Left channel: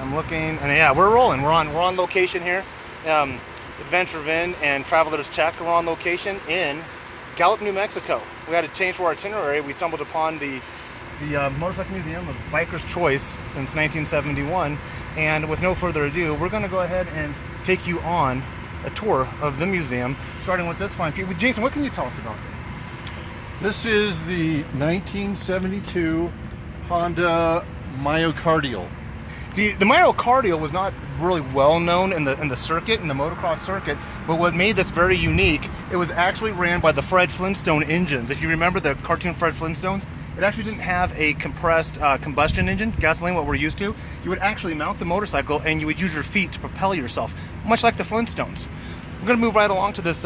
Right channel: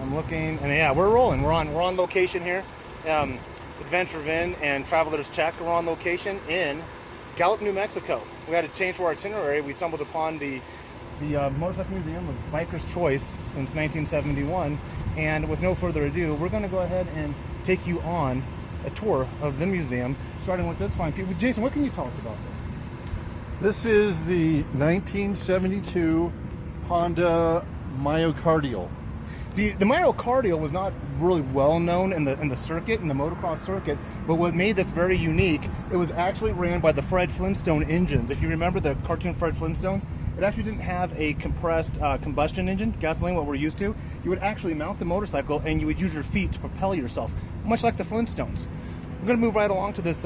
I'm looking, and yeah, we're rolling. We're on location here. Adventure Vin and Travelers Tech are on location in Gallup, New Mexico. We had to change for our itinerary. We stumbled upon the Motorcycle Museum of Biker's Choice since 1971, and with no further ado, we're going to go ahead and take you on a tour of the museum, starting with this fine piece. Jason, what can you tell us about this? This is the 1972 Honda Myocardial. See, the myocardial was not really well known in the circuit, in the motocross circuit, but what made this very unique, it was actually ran by the Fred Flintstone engines. If you remember the cartoon Fred Flintstones, it actually didn't have a compressed combustion engine, gasoline, what we're used to. You would actually mount the motorcycle and you would use your feet to propel yourself, much like the Flintstones. We're gonna move right along to this,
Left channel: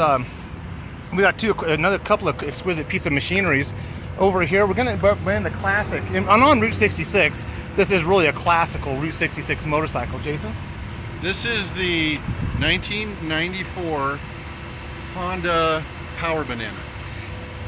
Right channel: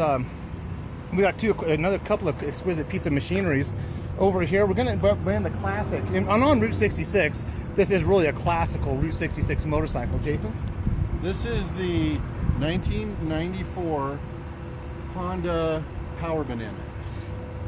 we got another couple of exquisite pieces of machineries. Over here, we're gonna run the classic, on Route 66, this is really a classical Route 66 motorcycle. Jason? This is the 1994 Honda Power Banana.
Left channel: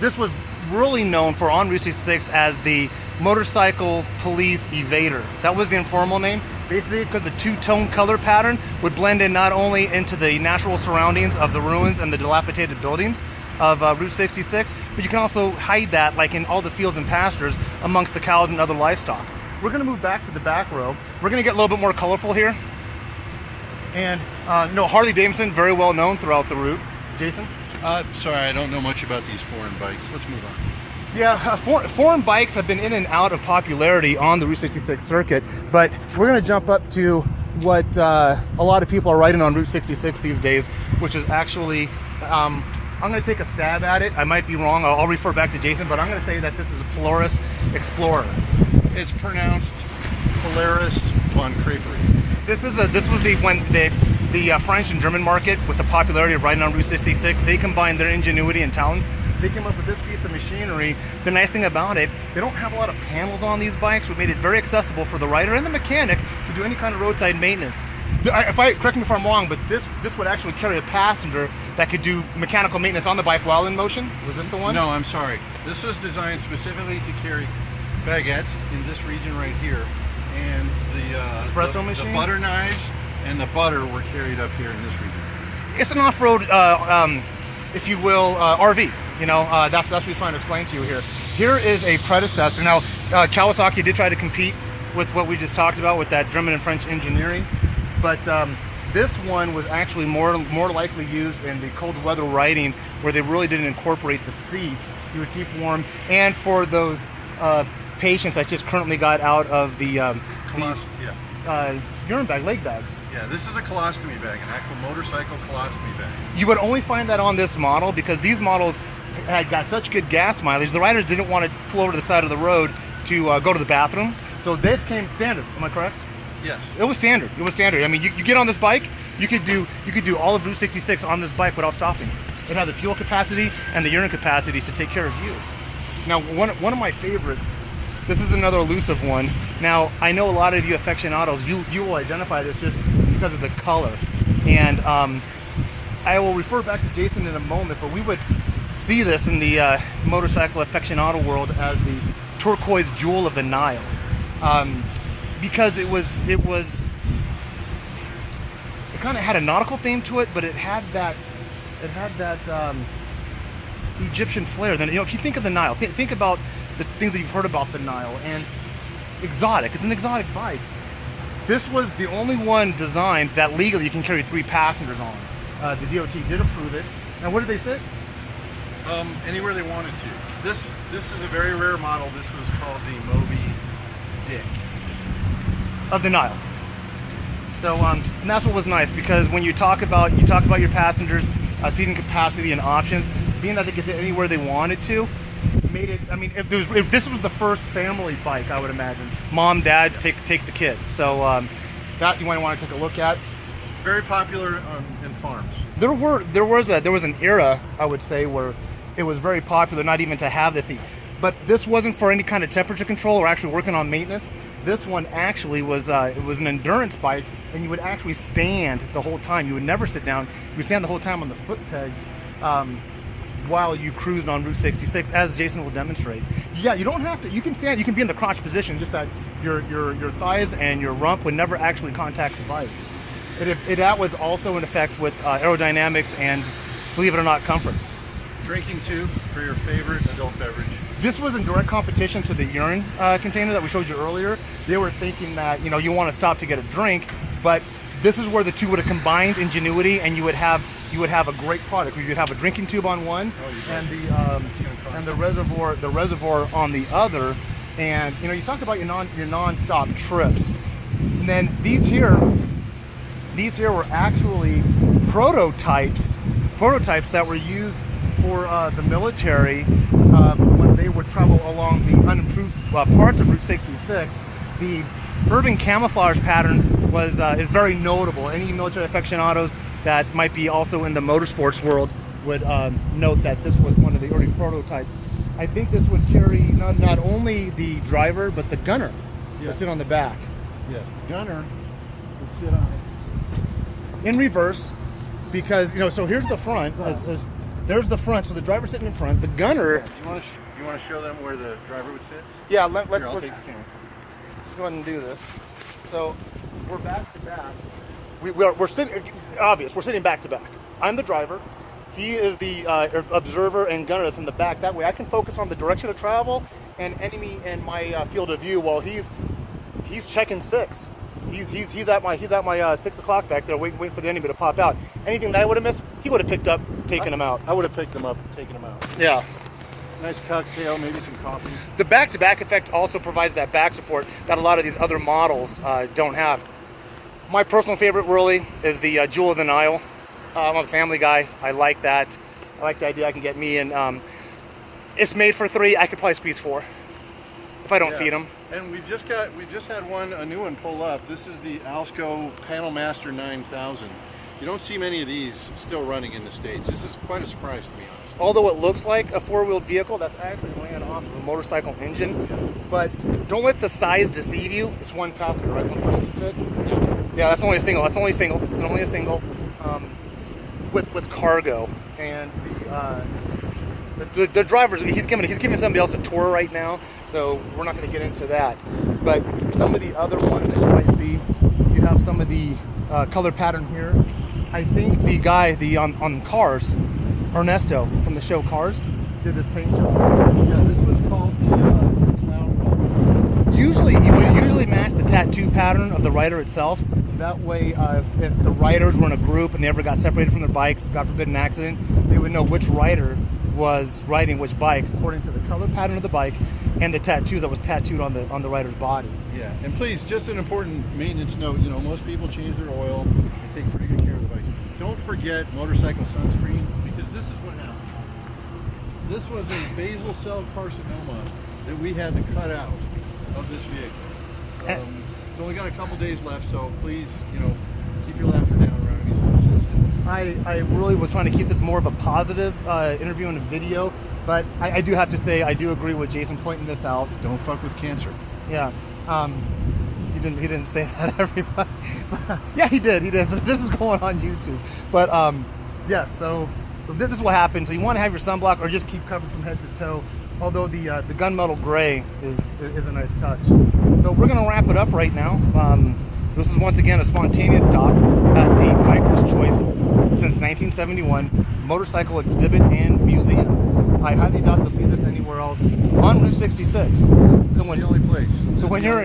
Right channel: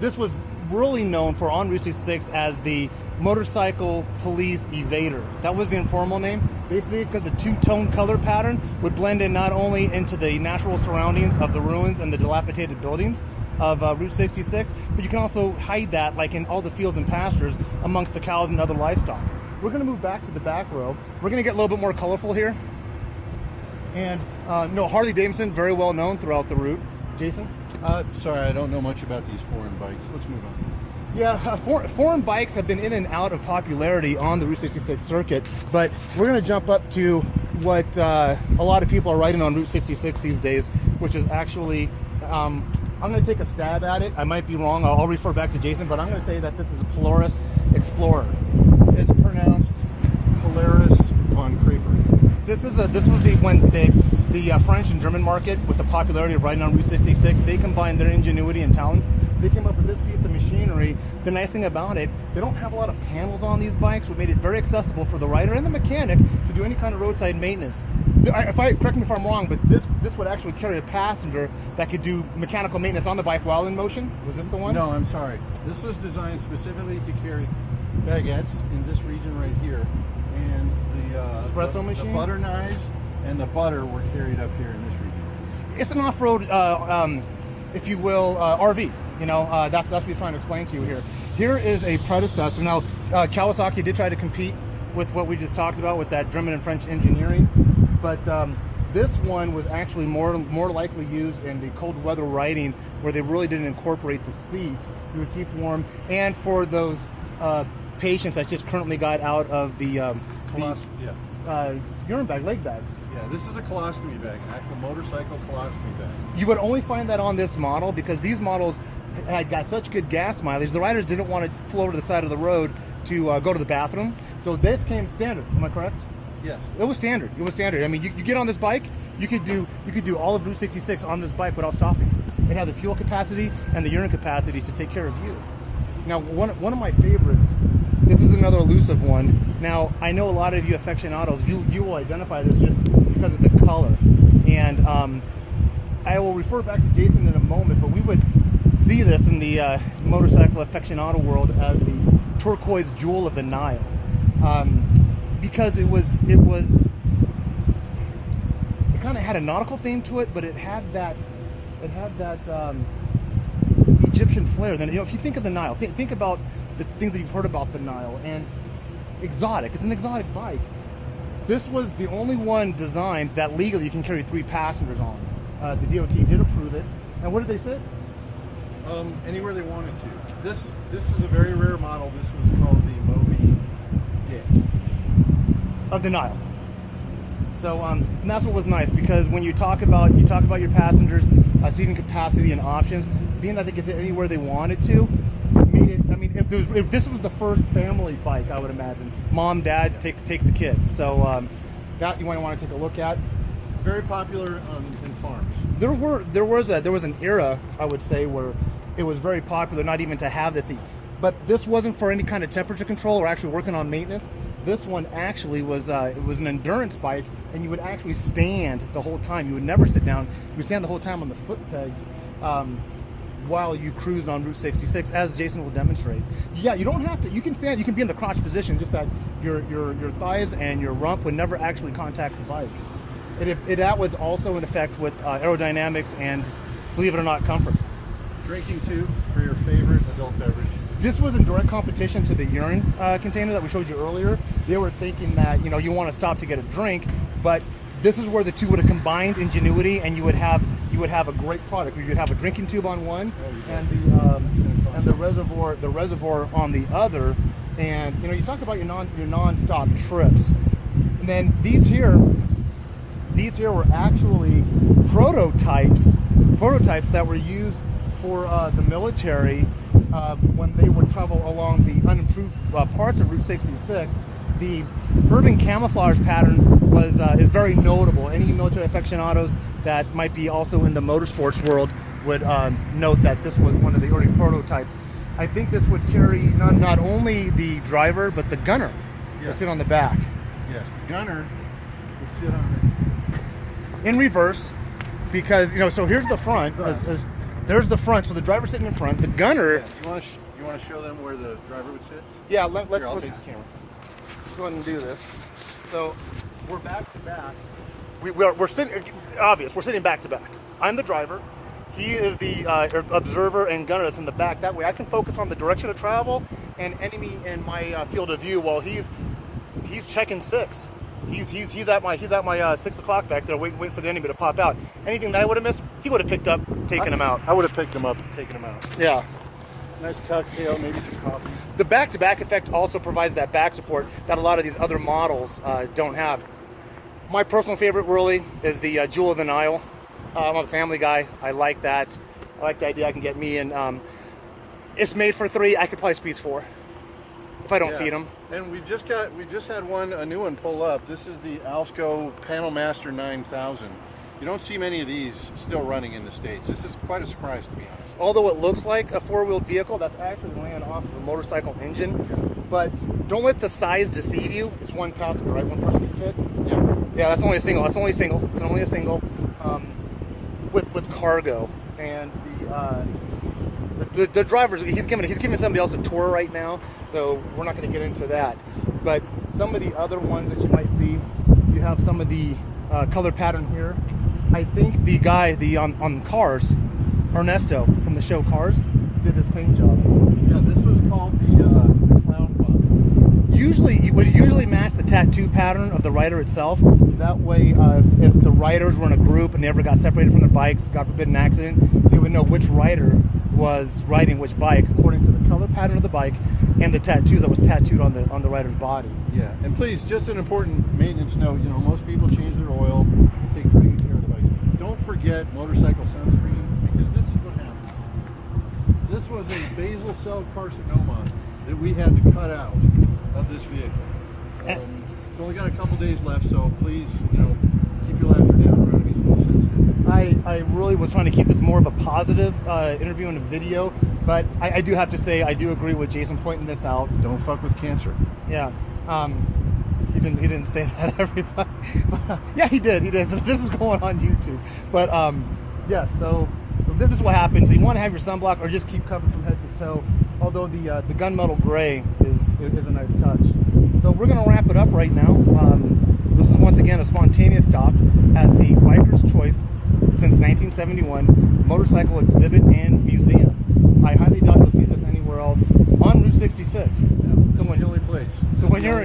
This was really known for on Route 66 as the Motorcycle Police Evader. That was the informal name, basically because the two-tone color pattern would blend in not only into the natural surroundings of the ruins and the dilapidated buildings of Route 66, but you can also hide that like in all the fields and pastures amongst the cows and other livestock. We're going to move back to the back row. We're going to get a little bit more colorful here. And no, Harley Davidson, very well known throughout the route. Jason? Sorry, I don't know much about these foreign bikes. Let's move on. Yeah, foreign bikes have been in and out of popularity on the Route 66 circuit, but we're going to jump up to what a lot of people are riding on Route 66 these days, which is actually, I'm going to take a stab at it. I might be wrong. I'll refer back to Jason, but I'm going to say that this is a Polaris Explorer. It's pronounced Polaris von Crepery. This was the French and German market, with the popularity of riding on Route 66, they combined their ingenuity and talents. They came up with this piece of machinery. The nice thing about it, they don't have a lot of panels on these bikes, which made it very accessible for the rider and the mechanic to do any kind of roadside maintenance. Correct me if I'm wrong, but this would actually carry a passenger that could do mechanical maintenance on the bike while in motion. Was this the one? No, I'm sorry. This was designed specifically to carry baguettes in this region right here, and the espresso machine, the butter knives, and the butter were carried up here in this region. It's an off-road, if you will, RV. You know, that's what we're trying to explain to you here. Here is a predecessor. Now, Kawasaki did try to compete with what we just talked about with that German and French engineering, but this one was actually more likely used in the cold weather riding, where they really didn't incorporate the seat. You would keep warm, and for those patients that just currently got out of the urine bag, leg bags. Yeah, this is a colostomy bag, an actual motorcycle colostomy bag. You would only find that on this model because these models had got such good gas mileage. The riders didn't want to pull over to the side of the road to go to the bathroom. So this came standard. Am I correct? Yes. It was standard. It was standard. I mean, you get on this bike, you could do all of Route 66 on this bike without stopping. It had the fuel capacity and the urine capacity to take care of you. Now, one of my favorites. This is another elusive one. Now, I know a lot of you aficionados, you will identify this just because of the color. And I will refer back to Jason in a moment, but we would see this in the motorcycle aficionado world as the turquoise jewel of the Nile. Because it kind of had a nautical theme to it, but it had that Egyptian flair. Then, you know, if you think of the Nile, think about the things that you've heard about the Nile, and exotic. It's an exotic bike. This was the only one designed that legally you can carry 3 passengers on. The DOT did approve it. And where did they sit? Anywhere they wanted to. This is a very rare model. This was called the Moby Dick of the Nile. So and that's what was nice, because when you talk about your passengers, seating capacity and options, being that they could sit anywhere they wanted to, made it. I mean, if this was the first family bike, I would imagine. Mom, dad, take the kid. So that you might want to take a look at. Very popular in farms. There was an era, I would say, where it was very popular not even to have this seat. But this wasn't for any kind of temperature control or actually working on maintenance. This one actually was it was an endurance bike, and you would actually stand the whole time. You would never sit down. You would stand the whole time on the foot pegs. while you cruise on Route 66, as Jason will demonstrate. Yeah, you don't have to. You can stand. You can be in the crotch position, just that your thighs and your rump would never actually contact the bike. That was also in effect with aerodynamics and, believe it or not, comfort. Drinking tube for your favorite adult beverage. This was in direct competition to the urine container that we showed you earlier. They were thinking that you want to stop to get a drink, but this is where the two would have combined ingenuity, and you would have a great product. You could have a drinking tube on one, and the reservoir on the other. And you talk about your non-stop trips, and then these here were actually prototypes that were used for the military when they would travel along the unimproved parts of Route 66. The urban camouflage pattern is very notable. Any military aficionados that might be also in the motorsports world would note that this was one of the early prototypes. I think this would carry not only the driver but the gunner to sit on the back. Yes, the gunner would sit on it in reverse, because so here's the front. There's the front, so the driver's sitting in front. The gunner. Yeah, you want to show them where the driver would sit? Yeah, let's take the camera. Let's go ahead and do this. So we're back to back. We're sitting. Obvious. We're sitting back to back. I'm the driver. He is the observer and gunner that's in the back. That way, I can focus on the direction of travel and enemy in my field of view while he's checking six. He's at my 6 o'clock back there, waiting for the enemy to pop out. Anything that I would have missed, he would have picked up, taken him out. I would have picked him up, taken him out. Yeah. Nice cocktail, maybe some coffee. The back-to-back effect also provides that back support that a lot of these other models don't have. My personal favorite really is the Jewel of the Nile. I'm a family guy. I like that. I like the idea I can get me in. It's made for 3. I could probably squeeze 4 if I don't feed them. And we just had a new one pull up. This is the Alsco Panel Master 9000. You don't see many of these still running in the States. This is quite a surprise to me, honestly. Although it looks like a 4-wheeled vehicle, that's actually ran off of a motorcycle engine. But don't let the size deceive you. It's one passenger, right? One person can fit. Yeah, that's only a single. It's only a single with cargo. And the drivers, he's giving somebody else a tour right now, so we're not going to get into that. But some of the other ones that you might see, you have some of the color pattern here. I think the guy on Cars, Ernesto from the show Cars, did this paint job. Yeah, this was called the clown bubble. Usually, it would usually match the tattoo pattern of the rider itself. That way, if the riders were in a group and they ever got separated from their bikes, God forbid an accident, they would know which rider was riding which bike according to the color pattern of the bike and the tattoos that was tattooed on the rider's body. Yeah, and please, just an important maintenance note, most people change their oil and take pretty good care of the bikes. Don't forget motorcycle sunscreen, because this is what happened. This was a basal cell carcinoma that we had to cut out of this vehicle. It's only got a couple days left, so please, keep your laughter down around these sensitive. I really was trying to keep this more of a positive interview and a video, but I do have to say I do agree with Jason pointing this out. Don't fuck with cancer. Yeah. He didn't say that, everybody. But, yeah, he did. This is going on YouTube. But yes, so this is what happens. So you want to have your sunblock or just keep covered from head to toe. Although the gunmetal gray is a nice touch. So we're gonna wrap it up right now. This is once again a spontaneous stop at the Biker's Choice since 1971 motorcycle exhibit and museum. I highly doubt you'll see this anywhere else on Route 66. It's the only place. So when you're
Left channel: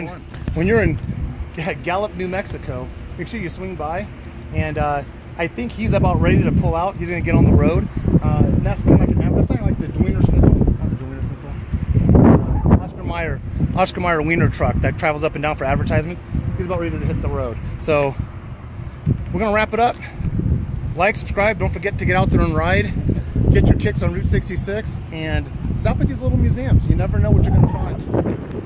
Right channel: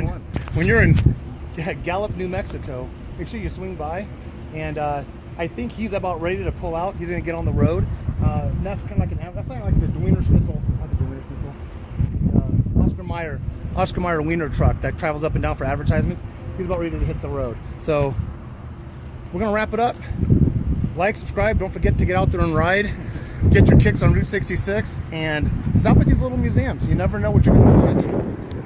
in Gallup, New Mexico, make sure you swing by. And I think he's about ready to pull out. He's going to get on the road. And that's kind of that's not like the Wiener Schnitzel, not the Wiener Schnitzel. Oscar Mayer Wiener truck that travels up and down for advertisements. He's about ready to hit the road. So we're going to wrap it up. Like, subscribe. Don't forget to get out there and ride. Get your kicks on Route 66 and stop at these little museums. You never know what you're going to find.